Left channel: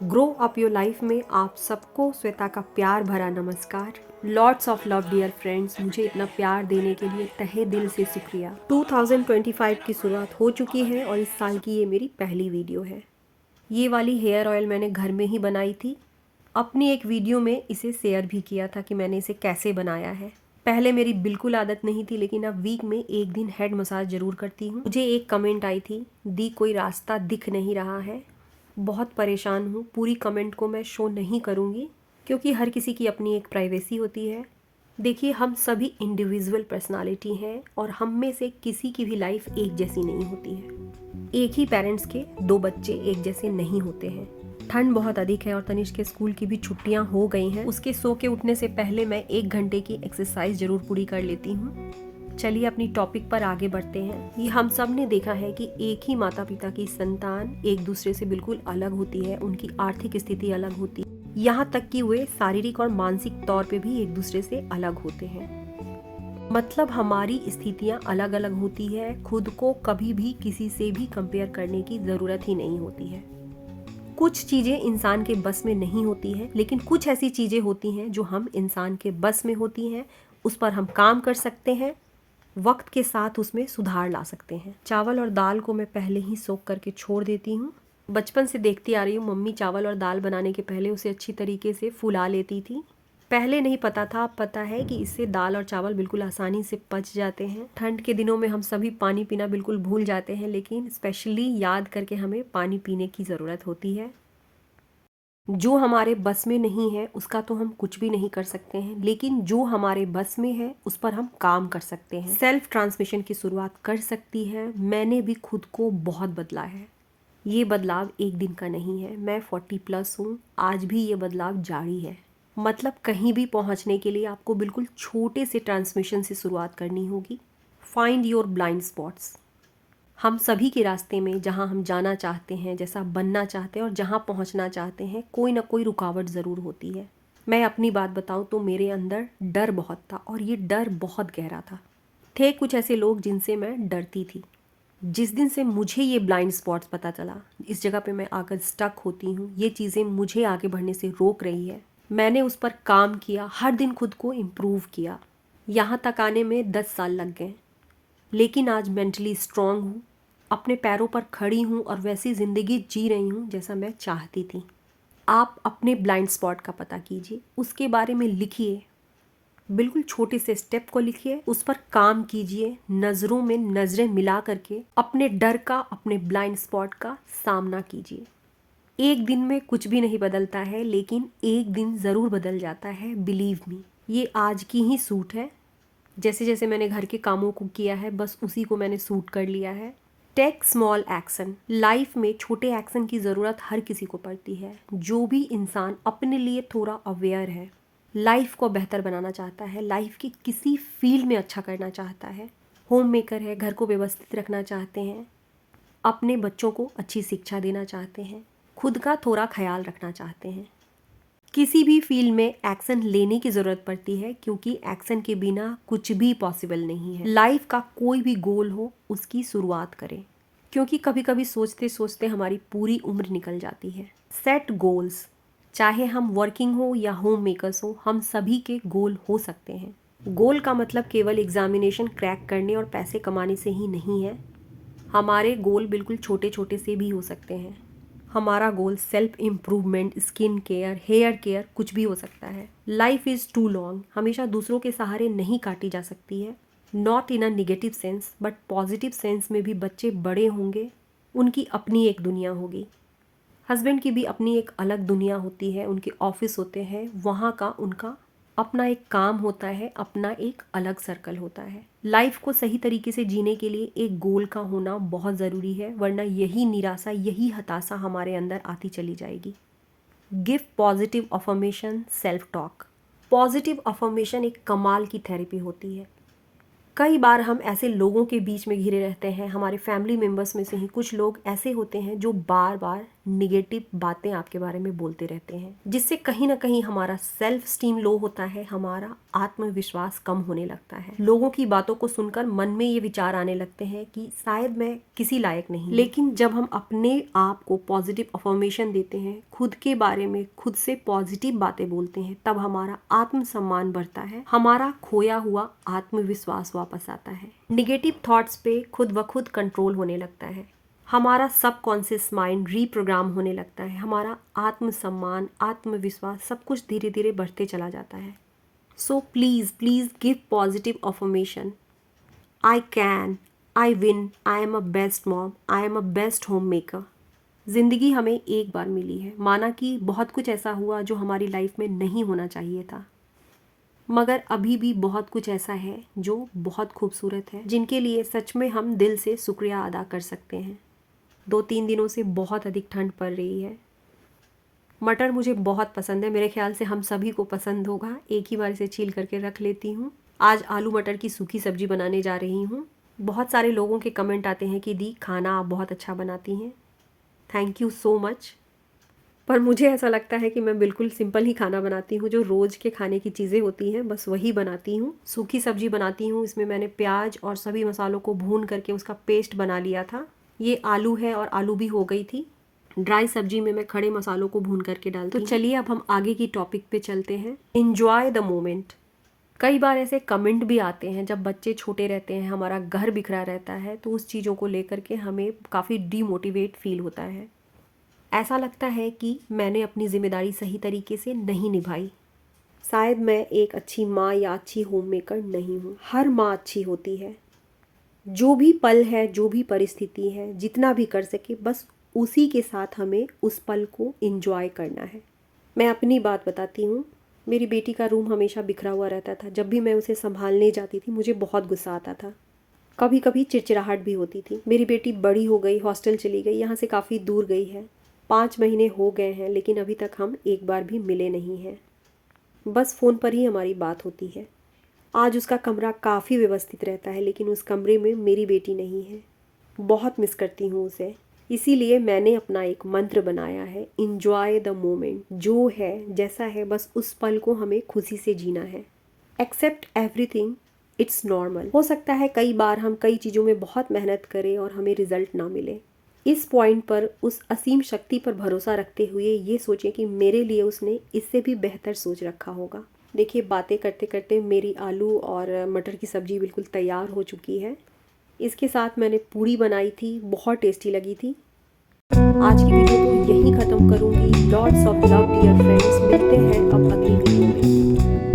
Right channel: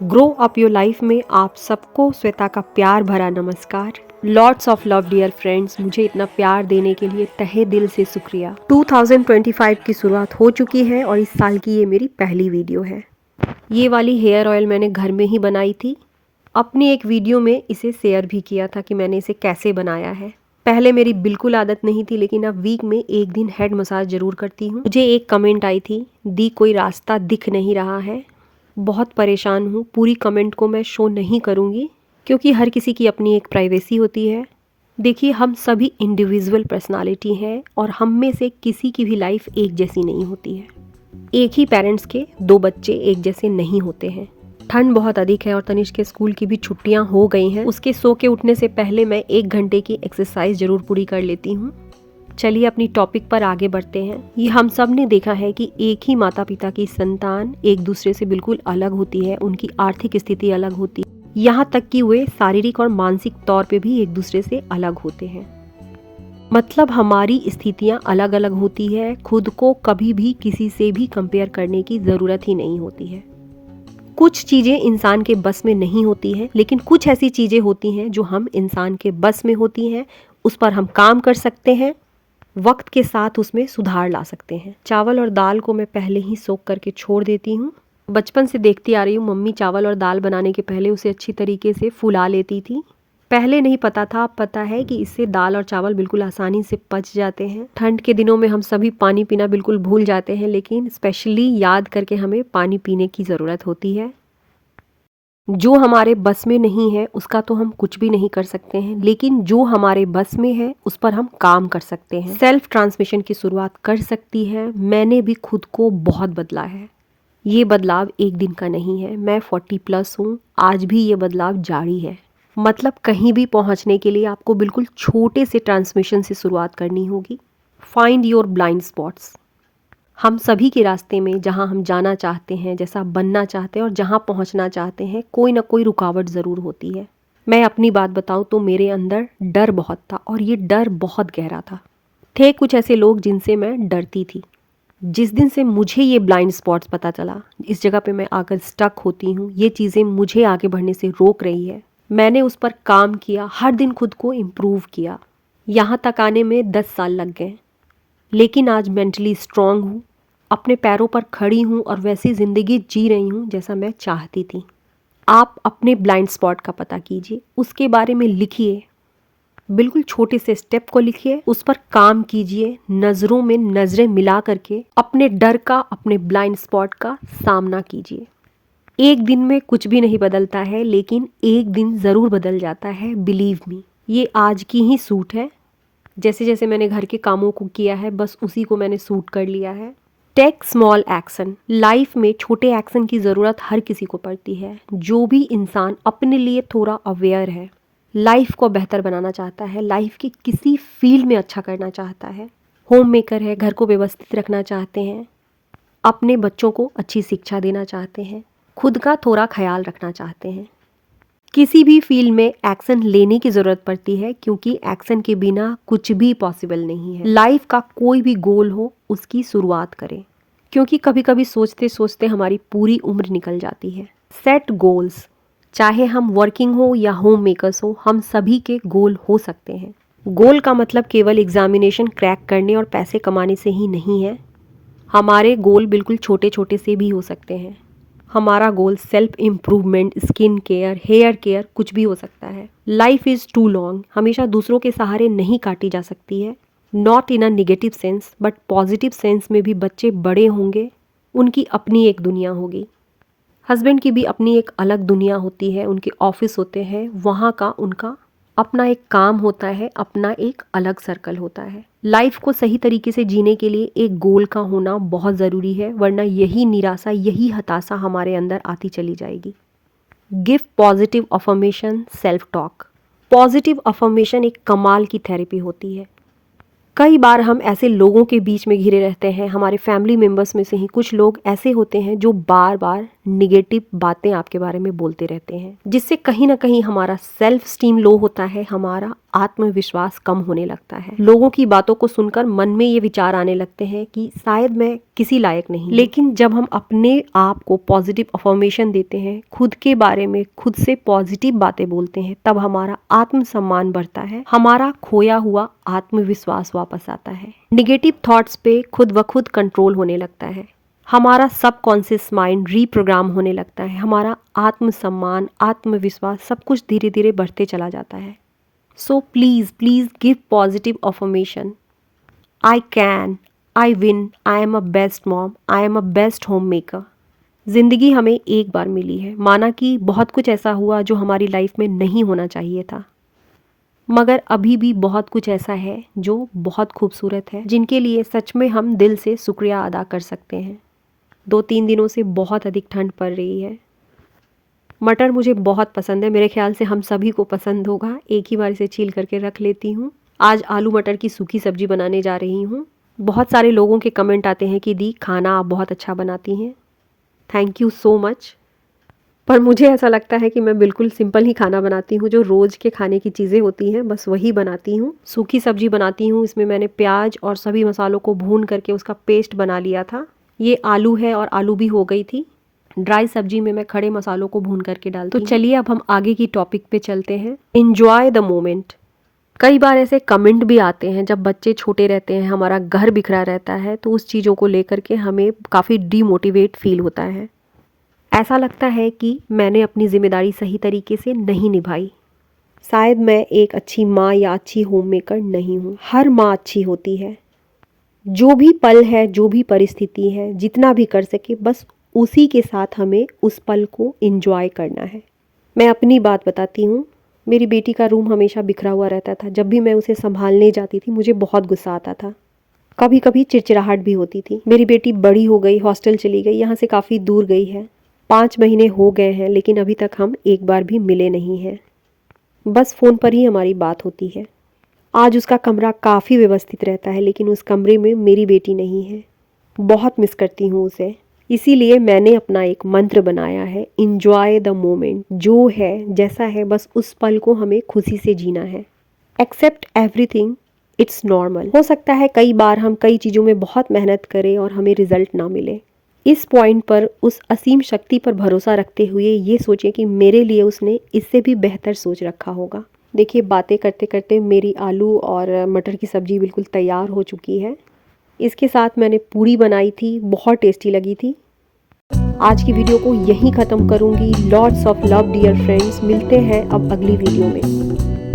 Grow up your life में आप सबको श्वेता का प्यार भरा नमस्कार। Lots of love dear friends, मुझे इतना प्यार देने के लिए तहे दिल से शुक्रिया। 2025 की शुरुआत हो चुकी है और इस साल की ये मेरी पहली वीडियो है। ये वाली हेयर ऑयल मैंने घर में ही बनाई थी। अपनी एक वीडियो में इसे शेयर भी किया था कि मैंने इसे कैसे बनाया है। पहले मेरी बिल्कुल आदत नहीं थी, लेकिन अब वीक में एक दिन हेड मसाज जरूर करती हूँ। मुझे एक कमेंट आई थी, दी कोई रास्ता दिख नहीं रहा है। बहुत परेशान हूँ। पूरी कमेंट को मैं शो नहीं करूँगी क्योंकि हर किसी की अपनी एक प्राइवेसी होती है। देखिए, हम सभी इंडिविजुअल पर्सनालिटी हैं और हम में से किसी की भी लाइफ एक जैसी नहीं होती है। एक ही पेरेंट्स के दो बच्चे एक जैसे नहीं होते हैं। ठंड बहुत अधिक है और तनिष्क के स्कूल की भी छुट्टियां हो गई हैं। उसके सो के उठने से पहले मैं 1 घंटे की एक्सरसाइज जरूर पूरी कर लेती हूँ। चलिए अपनी टॉपिक पर आगे बढ़ते हैं। ये हम सब ने देखा है कि एक ही माता पिता की संतान एक दूसरे से बिल्कुल अलग होती है। उनकी आर्थिक स्थिति अलग होती है, यहाँ तक कि वे शारीरिक और मानसिक तौर पे भी एक दूसरे से अलग होते हैं। मतलब हमारी स्थितियाँ अलग अलग होती है। खुद को कभी भी किसी से भी कंपेयर करने की ज़रूरत ही नहीं होती है। कुछ चीज़ें इंसान के बस में नहीं होती हैं, लेकिन कुछ ऐसी चीज़ें होती हैं जो हम इंसान के बस में होती हैं। उस पर हम काम कर सकते हैं, वक्त के साथ उसमें सुधार ला सकते हैं। चावल और दाल को मैं पहले ही सोख करके छोड़ देती हूँ। बचपन से देखती आ रही हूँ, मम्मी चावल और दाल बनाने के पहले उसे अच्छी तरीके से फुला लेती थी। पहले नहीं पता था, अब पता है कि इससे दाल और चावल बिल्कुल आसानी से पच जाते हैं। ठंड के दिनों में हम सभी पानी पीना बिल्कुल भूल जाते हैं, लेकिन स्पेशली याद करके हमें पानी पीने की ज़रूरत होती है। जो हमारे बस में नहीं है उसका तो हम कुछ भी नहीं कर सकते हैं, लेकिन जो हमारे बस में है उस पर हम काम कर सकते हैं। सेल्फ ट्रांसमिशन की शुरुआत कर सकती है। मैंने भी खुद को बहुत बदला है। ये बदलाव एक दिन का नहीं है। मैं 40+ हूँ, आज भी ये बदलाव जारी है। मतलब कहीं भी पहुँचने के लिए आपको बिल्कुल छोटे से ट्रांसमिशन से शुरुआत करनी होगी। Find your blind spots. हम सभी के रास्ते में जहाँ हम जाना चाहते हैं, जैसा बनना चाहते हैं और जहाँ पहुँचना चाहते हैं, कोई ना कोई रुकावट ज़रूर होती है। मैं अपनी बात बताऊँ तो मेरे अंदर डर बहुत था और ये डर बहुत गहरा था। थे कुछ ऐसे लोग जिनसे मैं डरती थी। जिस दिन से मुझे ये ब्लाइंड स्पॉट्स पता चला, इस जगह पे मैं आकर स्टक होती हूँ, ये चीज़ें मुझे आगे बढ़ने से रोक रही है, मैंने उस पर काम किया, हर दिन खुद को इम्प्रूव किया। यहाँ तक आने में 10 साल लग गए, लेकिन आज मेंटली स्ट्रांग हूँ, अपने पैरों पर खड़ी हूँ और वैसी ज़िंदगी जी रही हूँ जैसा मैं चाहती थी। आप अपने ब्लाइंड स्पॉट का पता कीजिए, उसके बारे में लिखिए। बिल्कुल छोटे से स्टेप को लिखिए, उस पर काम कीजिए। नज़रों में नज़रें मिला करके अपने डर का, अपने ब्लाइंड स्पॉट का सामना कीजिए। एक दिन में कुछ भी नहीं बदलता है, लेकिन एक दिन ज़रूर बदल जाता है। बिलीव मी, ये आज की ही सूट है। जैसे जैसे मैंने घर के कामों को किया है, बस उसी को मैंने सूट कर लिया है। Take small action. लाइफ में छोटे एक्शन की ज़रूरत हर किसी को पड़ती है। जो भी इंसान अपने लिए थोड़ा अवेयर है, लाइफ को बेहतर बनाना चाहता है, लाइफ की किसी फील्ड में अच्छा करना चाहता है, होम मेकर है, घर को व्यवस्थित रखना चाहते हैं, अपने बच्चों को अच्छी शिक्षा देना चाहते हैं, खुद का थोड़ा ख्याल रखना चाहते हैं, किसी भी फील्ड में एक्शन लेने की ज़रूरत पड़ती है, क्योंकि एक्शन के बिना कुछ भी पॉसिबल नहीं है। लाइफ का कोई भी गोल हो, उसकी शुरुआत करें, क्योंकि कभी कभी सोचते सोचते हमारी पूरी उम्र निकल जाती है। Set goals. चाहे हम वर्किंग हो या होम मेकर्स हो, हम सभी के गोल हो सकते हैं। गोल का मतलब केवल एग्जामिनेशन क्रैक करने और पैसे कमाने से ही नहीं है। हमारे गोल बिल्कुल छोटे छोटे से भी हो सकते हैं। हमारा goal self improvement, skin care, hair care, कुछ भी हो सकता है। Life is too long. हमेशा दूसरों के सहारे नहीं काटी जा सकती है। Not in a negative sense, but positive sense में भी बच्चे बड़े होंगे, उनकी अपनी एक दुनिया होगी। हस्बैंड की भी अपनी एक अलग दुनिया होती है, उनके ऑफिस होते हैं, वहाँ का उनका अपना एक काम होता है, अपना एक अलग सर्कल होता है। लाइफ को सही तरीके से जीने के लिए एक गोल का होना बहुत ज़रूरी है, वरना यही निराशा, यही हताशा हमारे अंदर आती चली जाएगी। Give positive affirmation, self talk. Positive affirmation एक कमाल की थेरेपी होती है। कई बार हम ऐसे लोगों के बीच में घिरे रहते हैं, हमारे फैमिली मेम्बर्स में से ही कुछ लोग ऐसे होते हैं जो बार बार निगेटिव बातें आपके बारे में बोलते रहते हैं, जिससे कहीं ना कहीं हमारा सेल्फ स्टीम लो होता है, हमारा आत्मविश्वास कम होने लगता है। लोगों की बातों को सुनकर मन में ये विचार आने लगते हैं कि शायद मैं किसी लायक नहीं। लेकिन जब हम अपने आप को पॉजिटिव अफर्मेशन देते हैं, खुद के बारे में खुद से पॉजिटिव बातें बोलते हैं, तब हमारा आत्मसम्मान बढ़ता है, हमारा खोया हुआ आत्मविश्वास वापस आता है। निगेटिव थॉट्स पे खुद ब खुद कंट्रोल होने लगता है, हमारा सबकॉन्शियस माइंड रीप्रोग्राम होने लगता है, हमारा आत्मसम्मान, आत्मविश्वास सब कुछ धीरे धीरे बढ़ते चला जाता है। So please please give positive affirmation. I can, I win, I am a best mom, I am a best home maker. ज़िंदगी हमें एक बार मिली है, माना कि बहुत कुछ ऐसा हुआ जो हमारी लाइफ में नहीं होना चाहिए था, मगर अभी भी बहुत कुछ ऐसा है जो बहुत खूबसूरत है, जिनके लिए सच में हम दिल से शुक्रिया अदा कर सकते हैं। 2-3 दिनों से बहुत अधिक ठंड पड़ रही है। मटर मुझे बहुत पसंद है, मेरे ख्याल से हम सभी को पसंद होगा। एक ही बार इसे छील करके रख लेती हूँ। आज आलू मटर की सूखी सब्जी बनाने जा रही हूँ। बहुत सारे लोगों के कमेंट आते हैं कि दी खाना आप बहुत अच्छा बनाती हैं, थैंक यू सो मच। पर मुझे ऐसा लगता है कि मैं बिल्कुल सिंपल ही खाना बनाती हूँ, जो रोज़ के खाने की चीज़ें होती हैं बस वही बनाती हूँ। सूखी सब्जी बनाती हूँ, इसमें मैंने प्याज और सभी मसालों को भून करके उसका पेस्ट बना लिया था। ये आलू है और आलू भी हो गई थी। ड्राई सब्जी में मैं खड़े मसालों को भून करके डालती हूँ। तो चलिए अब हम आगे की टॉपिक पे चलते हैं। Enjoy the moment. कई बार ऐसे कमेंट भी आते हैं, जब बच्चे छोटे रहते हैं, हमारा घर बिखरा रहता है, तो उस चीज़ों को लेकर के हमें काफ़ी डीमोटिवेट फील होता है। ऐसा लगता है कि मैंने अपनी जिम्मेदारी सही तरीके से नहीं निभाई, शायद मैं एक अच्छी माँ या अच्छी होम मेकर नहीं हूँ। हर माँ अच्छी होती है। जो भी पल है, जो भी परिस्थिति है, जितना भी कर सके बस उसी के साथ हमें उस पल को एंजॉय करना है। मैं अपनी बात बताती हूँ। मेरी बेटी का रूम हमेशा बिखरा हुआ रहता था। जब भी मैं उसे संभालने जाती थी मुझे बहुत गुस्सा आता था, कभी कभी चिड़चिड़ाहट भी होती थी। मेरी बेटी बड़ी हो गई, हॉस्टल चली गई, यहाँ से काफ़ी दूर गई है। 5 महीने हो गए हैं, लेकिन अभी तक हम एक बार भी मिले नहीं हैं। बस फ़ोन पर ही हमारी बात होती है। आज उसका कमरा काफ़ी व्यवस्थित रहता है, लेकिन उस कमरे में मेरी बेटी नहीं है। बहुत मिस करती हूँ उसे। इसीलिए मैंने अपना एक मंत्र बनाया है, इंजॉय द मोमेंट। जो है जैसा है बस उस पल को हमें खुशी से जीना है। Accept everything, it's normal. हो सकता है कई बार हम कई चीज़ों में बहुत मेहनत करें और हमें रिजल्ट ना मिले। इस पॉइंट पर उस असीम शक्ति पर भरोसा रखते हुए ये सोचें कि मेरे लिए उसने इससे भी बेहतर सोच रखा होगा। देखिए, बातें करते करते मेरी आलू और मटर की सब्ज़ी बिल्कुल तैयार हो चुकी है। इसके साथ मैंने पूरी बनाई थी, बहुत टेस्टी लगी थी। आज की वीडियो को यहीं ख़त्म करूँगी। Lots of love dear friends, मिलते हैं अब अगली वीडियो में।